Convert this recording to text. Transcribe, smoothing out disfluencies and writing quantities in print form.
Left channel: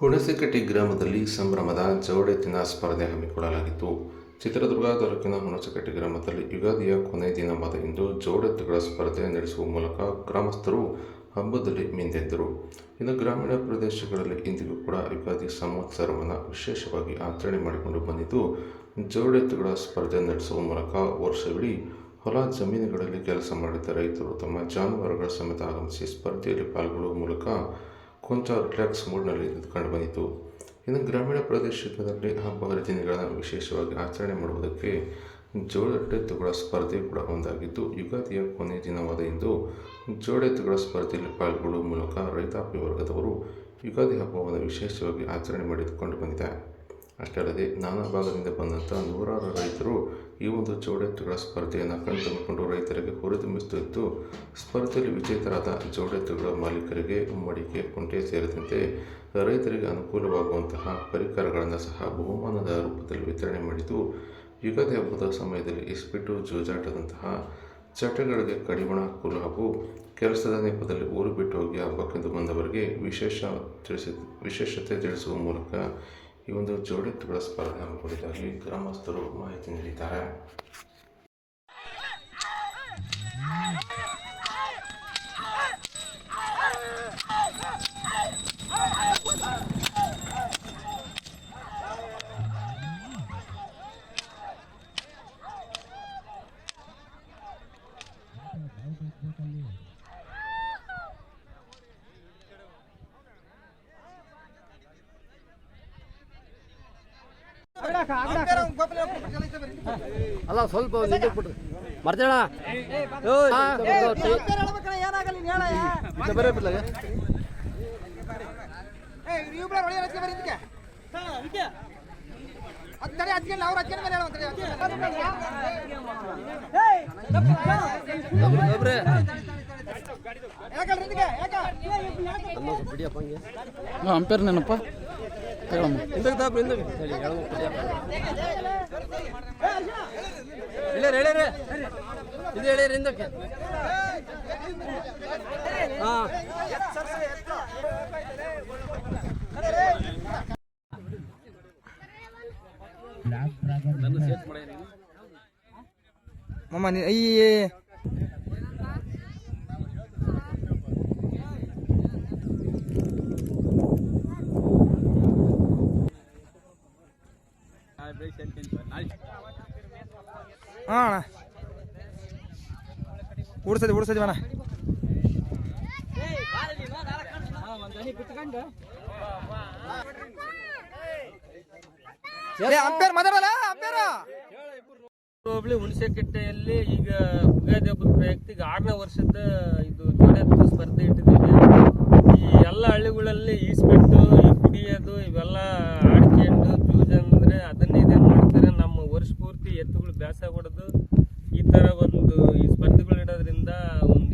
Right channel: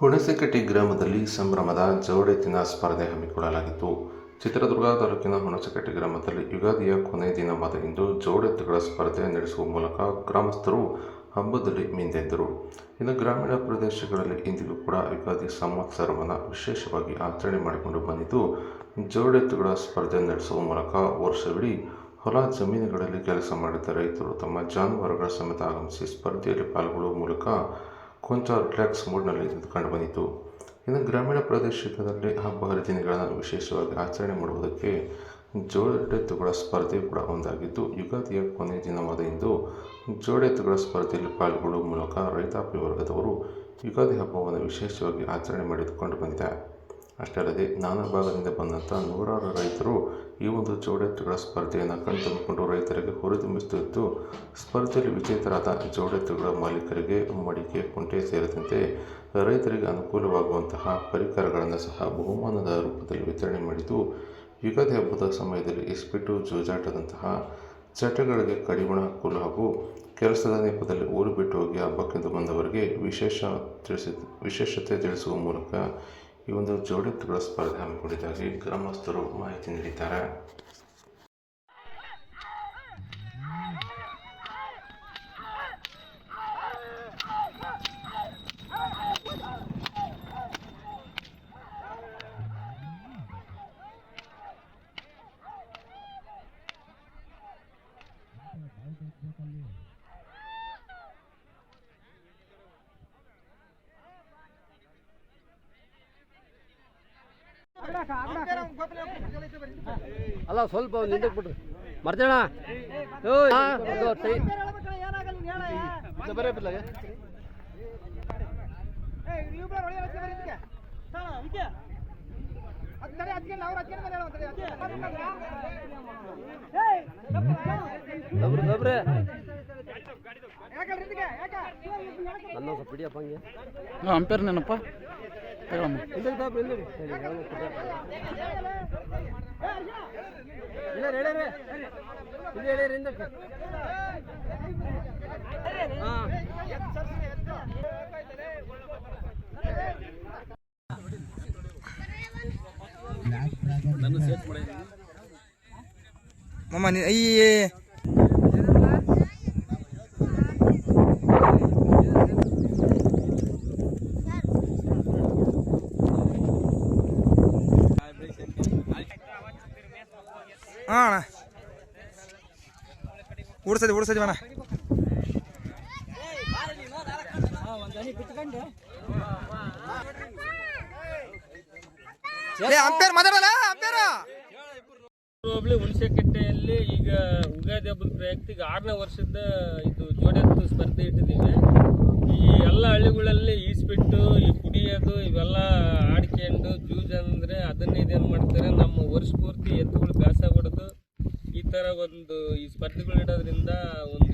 ಹುಣಸೆಕಟ್ಟೆ ಗ್ರಾಮದಲ್ಲಿ ಸಂಭ್ರಮದ ಜೋಡೆತ್ತಿನ ಸ್ಪರ್ಧೆ ಹಮ್ಮಿಕೊಳ್ಳಲಾಗಿತ್ತು. ಚಿತ್ರದುರ್ಗ ತಾಲೂಕಿನ ಹುಣಸೆಕಟ್ಟೆ ಗ್ರಾಮದಲ್ಲಿ ಯುಗಾದಿಯ ಕೊನೆಯ ದಿನವಾದ ಇಂದು ಜೋಡೆತ್ತುಗಳ ಸ್ಪರ್ಧೆ ನಡೆಸುವ ಮೂಲಕ ಗ್ರಾಮಸ್ಥರು ಹಬ್ಬದಲ್ಲಿ ಮಿಂದೆದ್ದರು. ಇನ್ನು ಗ್ರಾಮೀಣ ಪ್ರದೇಶಗಳಲ್ಲಿ ಇಂದಿಗೂ ಕೂಡ ಯುಗಾದಿ ಸಂವತ್ಸರವನ್ನು ವಿಶೇಷವಾಗಿ ಆಚರಣೆ ಮಾಡಿಕೊಂಡು ಬಂದಿದ್ದು, ಜೋಡೆತ್ತುಗಳ ಸ್ಪರ್ಧೆ ನಡೆಸುವ ಮೂಲಕ ವರ್ಷವಿಡೀ ಹೊಲ ಜಮೀನುಗಳಲ್ಲಿ ಕೆಲಸ ಮಾಡಿದ ರೈತರು ತಮ್ಮ ಜಾನುವಾರುಗಳ ಸಮೇತ ಆಗಮಿಸಿ ಸ್ಪರ್ಧೆಯಲ್ಲಿ ಪಾಲ್ಗೊಳ್ಳುವ ಮೂಲಕ ಕೊಂಚ ರಿಲ್ಯಾಕ್ಸ್ ಮೂಡ್ನಲ್ಲಿ ಕಂಡುಬಂದಿತು. ಇನ್ನು ಗ್ರಾಮೀಣ ಪ್ರದೇಶದಲ್ಲಿ ಹಬ್ಬ ಹರಿದಿನಗಳನ್ನು ವಿಶೇಷವಾಗಿ ಆಚರಣೆ ಮಾಡುವುದಕ್ಕೆ ಜೋಡೆತ್ತುಗಳ ಸ್ಪರ್ಧೆ ಕೂಡ ಒಂದಾಗಿದ್ದು, ಯುಗಾದಿಯ ಕೊನೆಯ ದಿನವಾದ ಇಂದು ಜೋಡೆತ್ತುಗಳ ಸ್ಪರ್ಧೆಯಲ್ಲಿ ಪಾಲ್ಗೊಳ್ಳುವ ಮೂಲಕ ರೈತಾಪಿ ವರ್ಗದವರು ಯುಗಾದಿ ಹಬ್ಬವನ್ನು ವಿಶೇಷವಾಗಿ ಆಚರಣೆ ಮಾಡಿಕೊಂಡು ಬಂದಿದೆ. ಅಷ್ಟೇ ಅಲ್ಲದೆ ನಾನಾ ಭಾಗದಿಂದ ಬಂದಂಥ ನೂರಾರು ರೈತರು ಈ ಒಂದು ಜೋಡೆತ್ತುಗಳ ಸ್ಪರ್ಧೆಯನ್ನು ಕಣ್ತುಂಬಿಕೊಂಡು ರೈತರಿಗೆ ಹುರಿದುಂಬಿಸುತ್ತಿದ್ದು, ಸ್ಪರ್ಧೆಯಲ್ಲಿ ವಿಜೇತರಾದ ಜೋಡೆತ್ತುಗಳ ಮಾಲೀಕರಿಗೆ ಮಡಿಕೆ, ಕುಂಟೆ ಸೇರಿದಂತೆ ರೈತರಿಗೆ ಅನುಕೂಲವಾಗುವಂತಹ ಪರಿಕರಗಳನ್ನು ಸಹ ಬಹುಮಾನದ ರೂಪದಲ್ಲಿ ವಿತರಣೆ ಮಾಡಿದ್ದು, ಯುಗಾದಿ ಹಬ್ಬದ ಸಮಯದಲ್ಲಿ ಇಸ್ಪಿಟ್ಟು, ಜೂಜಾಟದಂತಹ ಚಟಗಳಿಗೆ ಕಡಿವಾಣ ಹಾಕಲು ಹಾಗೂ ಕೆಲಸದ ನೆಪದಲ್ಲಿ ಊರು ಬಿಟ್ಟು ಹೋಗಿ ಹಬ್ಬಕ್ಕೆಂದು ಬಂದವರಿಗೆ ವಿಶೇಷತೆ ತಿಳಿಸುವ ಮೂಲಕ ಈ ಒಂದು ಜೋಡೆತ್ತುಗಳ ಸ್ಪರ್ಧೆ ಹಮ್ಮಿಕೊಂಡಿದ್ದಾಗಿ ಗ್ರಾಮಸ್ಥರು ಮಾಹಿತಿ ನೀಡಿದ್ದಾರೆ. ಅಲ್ಲ ಸ್ವಲ್ಪ ನಿಂಗೆ ಬಿಟ್ರಿ ಮರ್ತೇಣ ಅಂಪೇರ್ ನೆನಪ್ಪ ಹೇಳಮ್ಮ ಇದು ಹೇಳಿರಿ ಹಿಂದಕ್ಕೆ ಮಮ್ಮ ಈ ಅಣ್ಣ ಓಡಿಸೋದು ಮನ ಅಂಪೇರ್ ಮಾತಾಡಲ್ಲ ಅಂಪೇರ್ ಹೋಬಳಿ ಹುಣಸೆಕಟ್ಟೆಯಲ್ಲಿ ಈಗ ಉಗಾದಿ ಹಬ್ಬದ ಪ್ರಯುಕ್ತ ಈಗ 6ನೇ ವರ್ಷದ ಇದು ಜೋಡೆತ್ತು ಸ್ಪರ್ಧೆ ಇಟ್ಟಿದ್ದೀವಿ. ಈ ಎಲ್ಲ ಹಳ್ಳಿಗಳಲ್ಲಿ ಈಸ್ಬಿಟ್ಟು ಈ ಕುಡಿಯೋದು ಇವೆಲ್ಲ ಆಡ್ಕೊಂಡು ಜೂಜ್ ಅಂದರೆ ಅದನ್ನೇ ಇದೇನು ಮಾಡ್ತಾರೆ. ನಮ್ಮ ವರ್ಷ ಪೂರ್ತಿ ಎತ್ತುಗಳು ಬ್ಯಾಸ ಹೊಡೆದು ಈ ಥರ ಒಂದು ಈ ಸ್ಪರ್ಧೆಗಳು ಇಡೋದ್ರಿಂದ ಒಂದು